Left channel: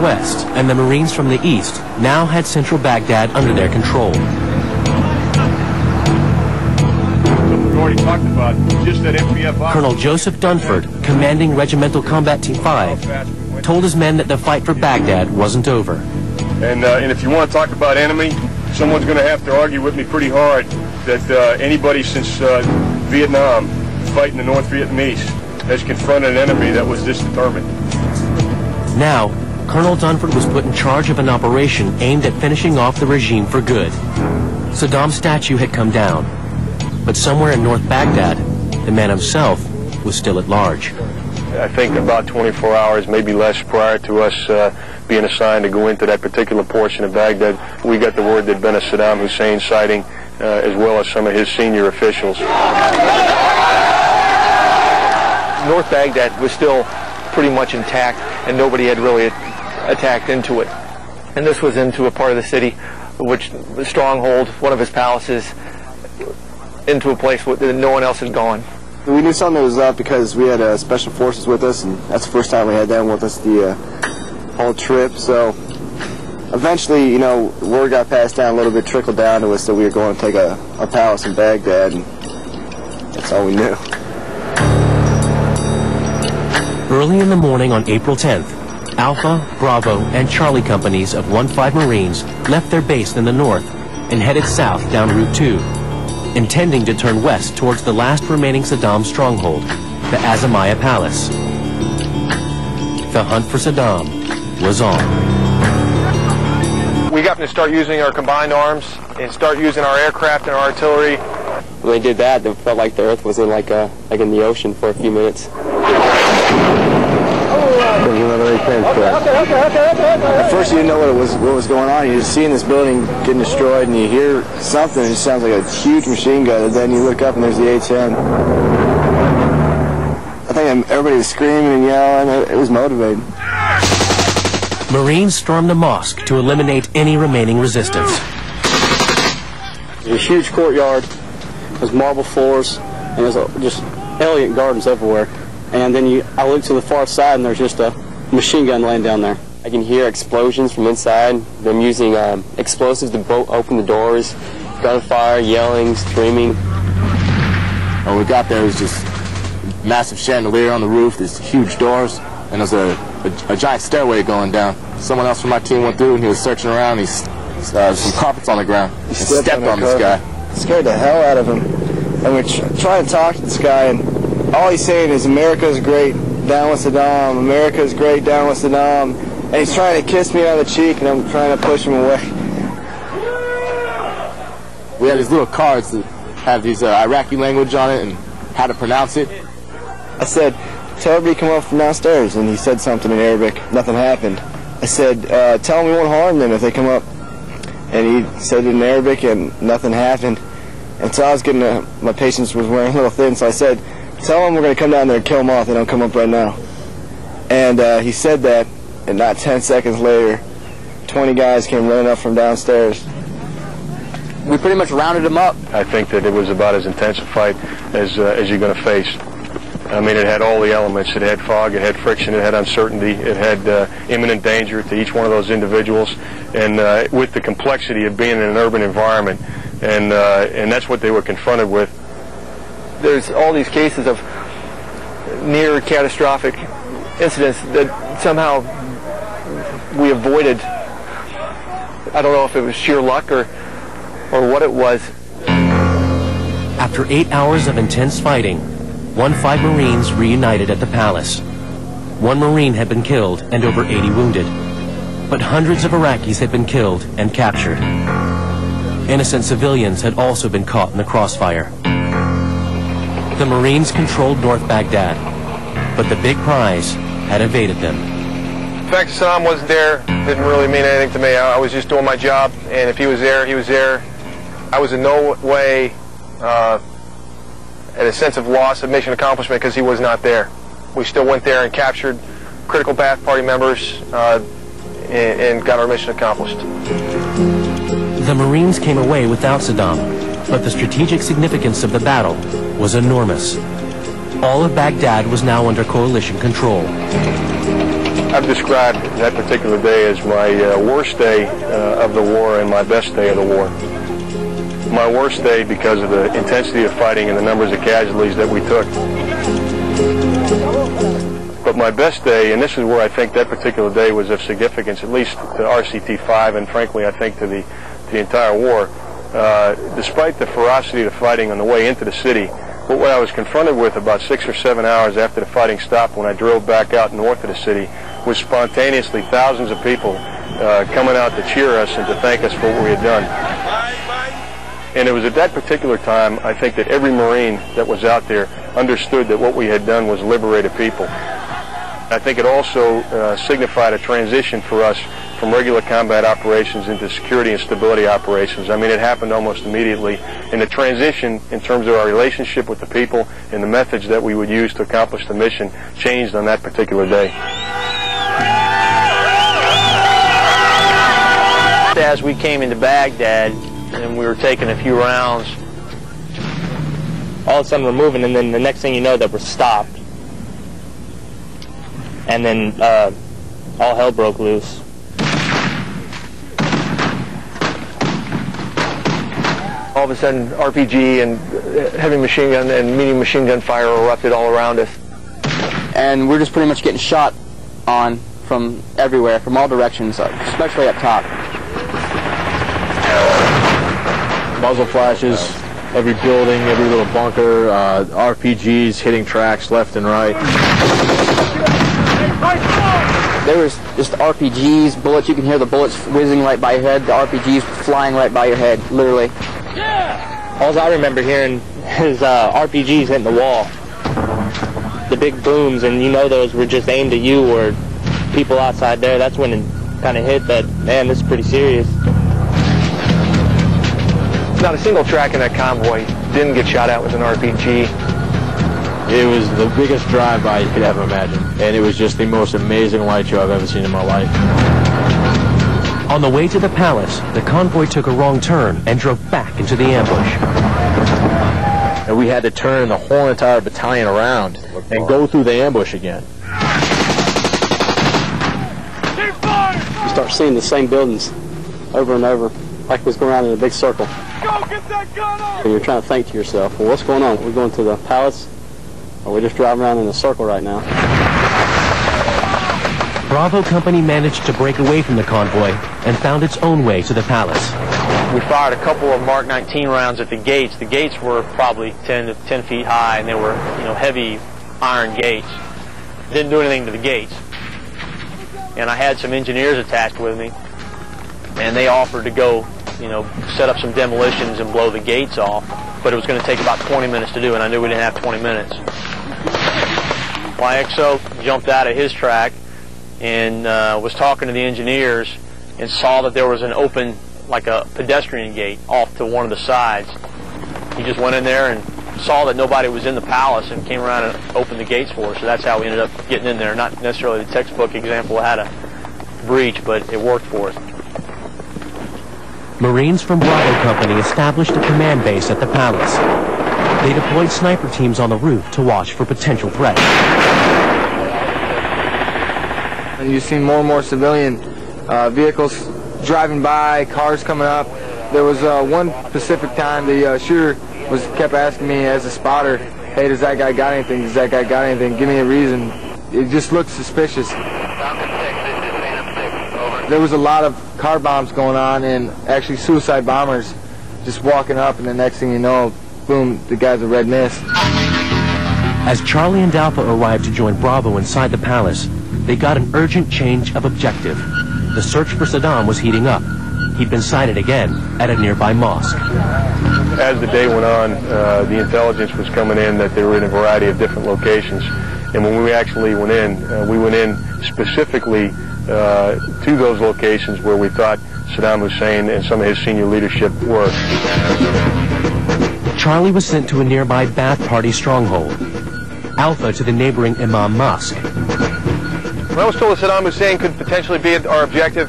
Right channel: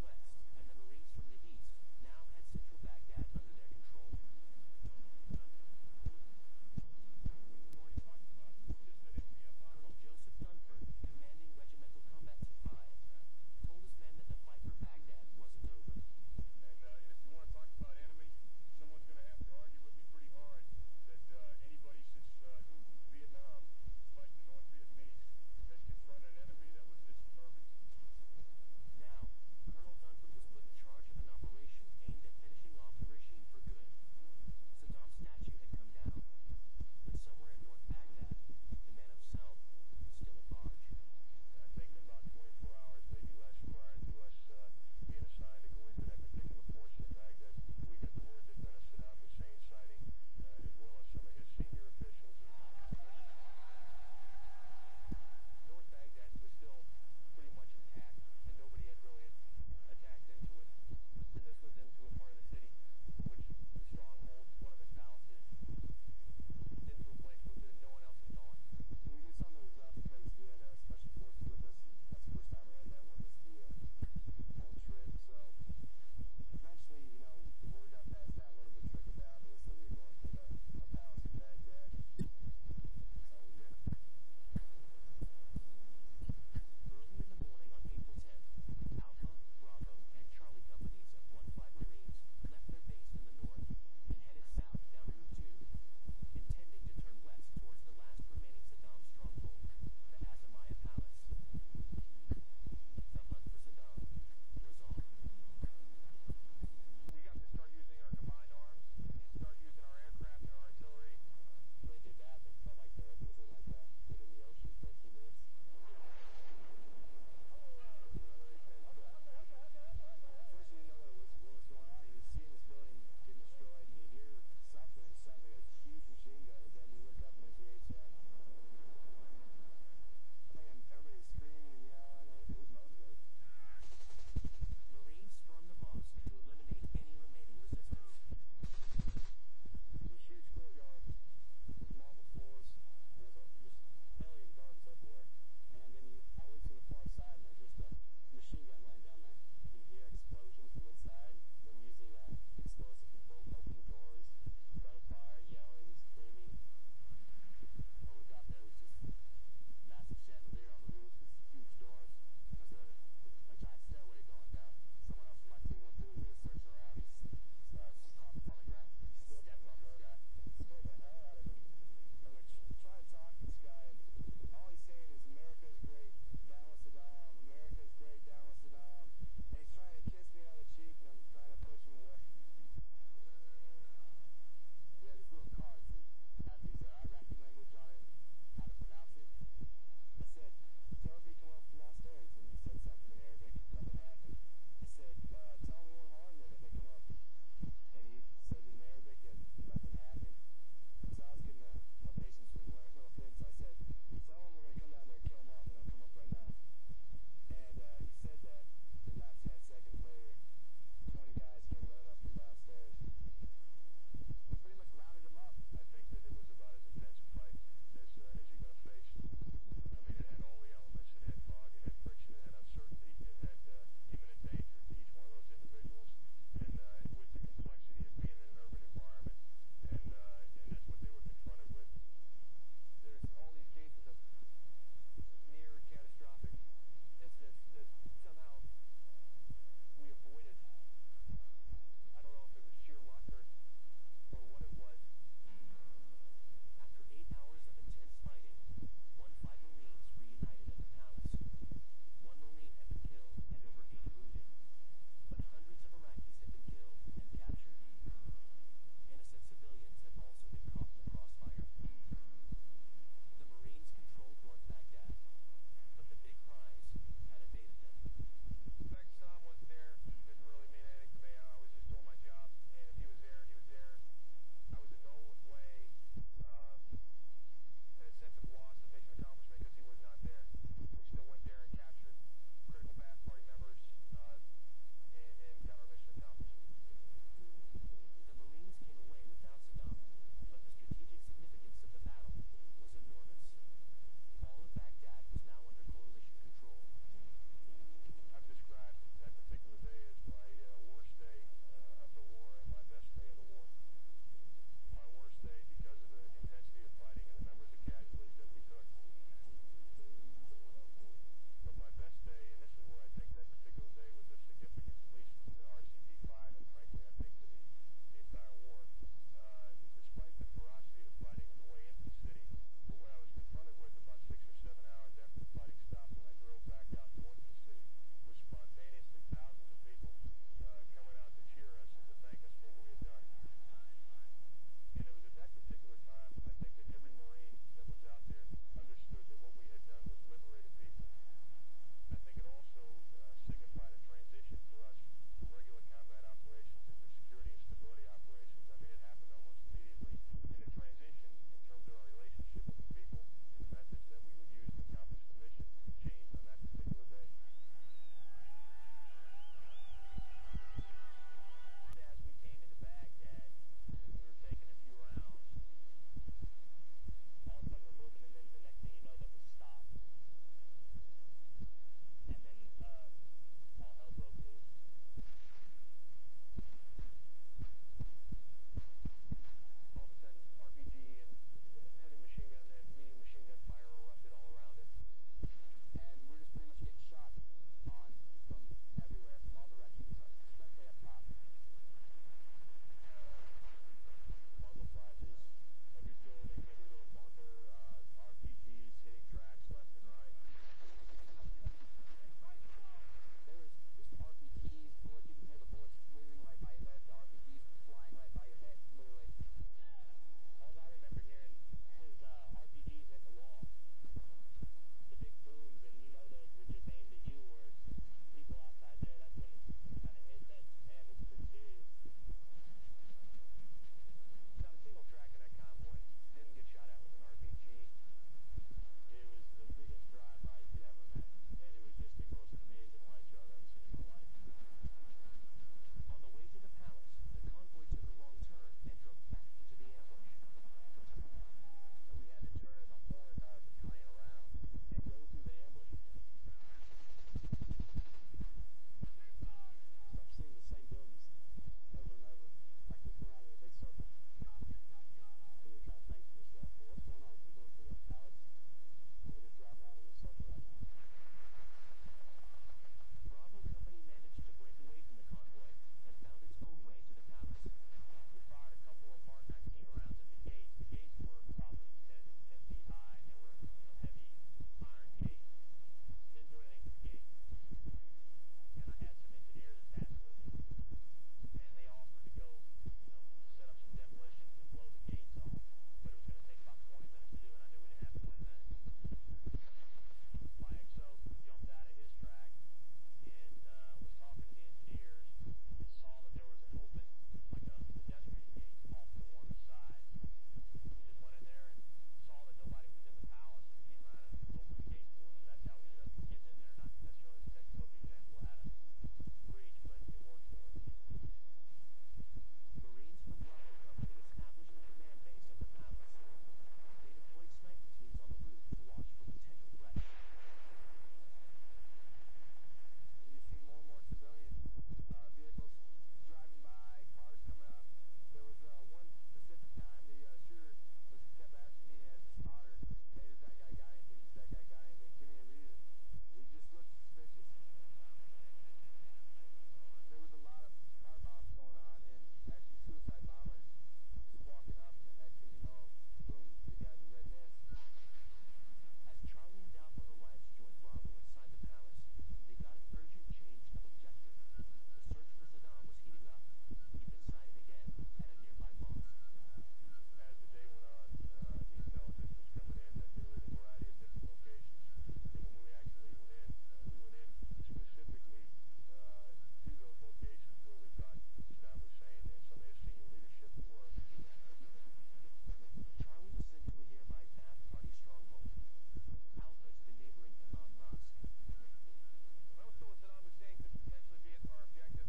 west and the Marines from the east now had central Baghdad under their control. We've already talked about just that MPF. Colonel Joseph Dunford, commanding Regimental Combat Team 5, told his men that the fight for Baghdad wasn't over. And if you want to talk about enemy, someone's going to have to argue with me pretty hard that anybody since Vietnam fighting the North Vietnamese has confronted an enemy that was this determined. Now, Colonel Dunford was put in charge of an operation aimed at finishing off the regime for good. Saddam's statue had come down, but somewhere in North Baghdad, the man himself was still at large. I think about 24 hours, maybe less, prior to us being assigned to go into that particular portion of Baghdad, we got the word there'd been a Saddam Husein sighting, as well as some of his senior officials. North Baghdad was still pretty much intact, and nobody had really attacked into it. And this was into a part of the city, which the stronghold, one of his palaces, into a place that no one else had gone. We knew something was up because we had special forces with us, and that's the first time we had them with us the whole trip. So eventually, you know, word got passed down a little bit, trickled down to us that we were going to take a palace in Baghdad, and that's all we knew. Early in the morning on April 10th, Alpha, Bravo, and Charlie companies of 1-5 Marines left their base in the north and headed south down Route 2, intending to turn west towards the last remaining Saddam stronghold, the Azamaya Palace. The hunt for Saddam was on. We got to start using our combined arms and start using our aircraft and our artillery. When they did that, it felt like the earth was in like in the ocean for a few minutes. At first you didn't know what was going on. You're just seeing this building getting destroyed, and you hear something, and it sounds like a huge machine gun, and then you look up and there's the A-10. I think everybody was screaming and yelling. It was motivating. Marines stormed the mosque to eliminate any remaining resistance. There's a huge courtyard, there's marble floors, and there's just elegant gardens everywhere. And then I look to the far side, and there's just a machine gun laying down there. I can hear explosions from inside, them using explosives to open the doors, gunfire, yelling, screaming. When we got there, it was just massive chandelier on the roof, there's huge doors, and there's a giant stairway going down. Someone else from my team went through, and he was searching around, and some carpets on the ground. He stepped on this guy. Scared the hell out of him. And we're trying to talk to this guy, and all he's saying is, America's great, down with Saddam, America's great, down with Saddam. And he's trying to kiss me on the cheek, and I'm trying to push him away. We had these little cards that have these Iraqi language on it and how to pronounce it. I said, tell everybody to come up from downstairs, and he said something in Arabic. Nothing happened. I said, tell them we won't harm them if they come up. And he said it in Arabic, and nothing happened. And so I was getting, my patience was wearing a little thin, so I said, tell them we're going to come down there and kill them off. They don't come up right now. And he said that, and not 10 seconds later, 20 guys came running up from downstairs. We pretty much rounded them up. I think that it was about as intense a fight as you're going to face. I mean, it had all the elements. It had fog, it had friction, it had uncertainty, it had imminent danger to each one of those individuals, and with the complexity of being in an urban environment, and that's what they were confronted with. There's all these cases of near catastrophic incidents that somehow we avoided. I don't know if it was sheer luck or what it was. After 8 hours of intense fighting, 1-5 Marines reunited at the palace. 1 Marine had been killed and over 80 wounded, but hundreds of Iraqis had been killed and captured. Innocent civilians had also been caught in the crossfire. The Marines controlled North Baghdad, but the big prize had evaded them. The fact that Saddam wasn't there didn't really mean anything to me. I was just doing my job, and if he was there, he was there. I was in no way at a sense of loss of mission accomplishment because he was not there. We still went there and captured critical Ba'ath Party members and got our mission accomplished. The Marines came away without Saddam, but the strategic significance of the battle was enormous. All of Baghdad was now under coalition control. I've described that particular day as my worst day of the war and my best day of the war. My worst day because of the intensity of fighting and the numbers of casualties that we took. But my best day, and this is where I think that particular day was of significance, at least to RCT-5 and frankly I think to the entire war, despite the ferocity of the fighting on the way into the city, but what I was confronted with about 6 or 7 hours after the fighting stopped when I drove back out north of the city was spontaneously thousands of people coming out to cheer us and to thank us for what we had done. And it was at that particular time, I think, that every Marine that was out there understood that what we had done was liberate a people. I think it also signified a transition for us from regular combat operations into security and stability operations. I mean, it happened almost immediately. And the transition in terms of our relationship with the people and the methods that we would use to accomplish the mission changed on that particular day. As we came into Baghdad and we were taking a few rounds, all of a sudden we're moving, and then the next thing you know that we're stopped. And then all hell broke loose. All of a sudden, RPG and heavy machine gun and medium machine gun fire erupted all around us. And we're just pretty much getting shot on from everywhere, from all directions, especially up top. Muzzle flashes, every building, every little bunker, RPGs hitting tracks left and right. There was just RPGs, bullets. You can hear the bullets whizzing right by your head, the RPGs flying right by your head, literally. All I remember hearing is RPGs hitting the wall. The big booms, and you know those were just aimed at you or people outside there. That's when it kind of hit that, man, this is pretty serious. Not a single track in that convoy didn't get shot at with an RPG. It was the biggest drive-by you could ever imagine, and it was just the most amazing light show I've ever seen in my life. On the way to the palace, the convoy took a wrong turn and drove back into the ambush. And we had to turn the whole entire battalion around and go through the ambush again. You start seeing the same buildings over and over, like it was going around in a big circle. Go get that gun on! And you're trying to think to yourself, well, what's going on? We're going to the palace, or we're just driving around in a circle right now. Bravo Company managed to break away from the convoy and found its own way to the palace. We fired a couple of Mark 19 rounds at the gates. The gates were probably 10 feet high, and they were, heavy iron gates. Didn't do anything to the gates. And I had some engineers attached with me, and they offered to go, set up some demolitions and blow the gates off. But it was going to take about 20 minutes to do, and I knew we didn't have 20 minutes. YXO jumped out of his track and was talking to the engineers and saw that there was an open, like a pedestrian gate off to one of the sides. He just went in there and saw that nobody was in the palace and came around and opened the gates for us. So that's how we ended up getting in there. Not necessarily the textbook example had a breach, but it worked for us. Marines from Bravo Company established a command base at the palace. They deployed sniper teams on the roof to watch for potential threats. And you've seen more and more civilian vehicles driving by, cars coming up. There was one specific time the shooter kept asking me as a spotter, hey, does that guy got anything? Does that guy got anything? Give me a reason. It just looked suspicious. There was a lot of car bombs going on and actually suicide bombers just walking up, and the next thing you know, boom, the guy's a red mist. As Charlie and Alpha arrived to join Bravo inside the palace, they got an urgent change of objective. The search for Saddam was heating up. He'd been sighted again at a nearby mosque. As the day went on, the intelligence was coming in that they were in a variety of different locations. And when we actually went in specifically to those locations where we thought Saddam Hussein and some of his senior leadership were. Charlie was sent to a nearby Ba'ath Party stronghold. Alpha to the neighboring Imam Mosque. When I was told that Saddam Hussein could potentially be our objective,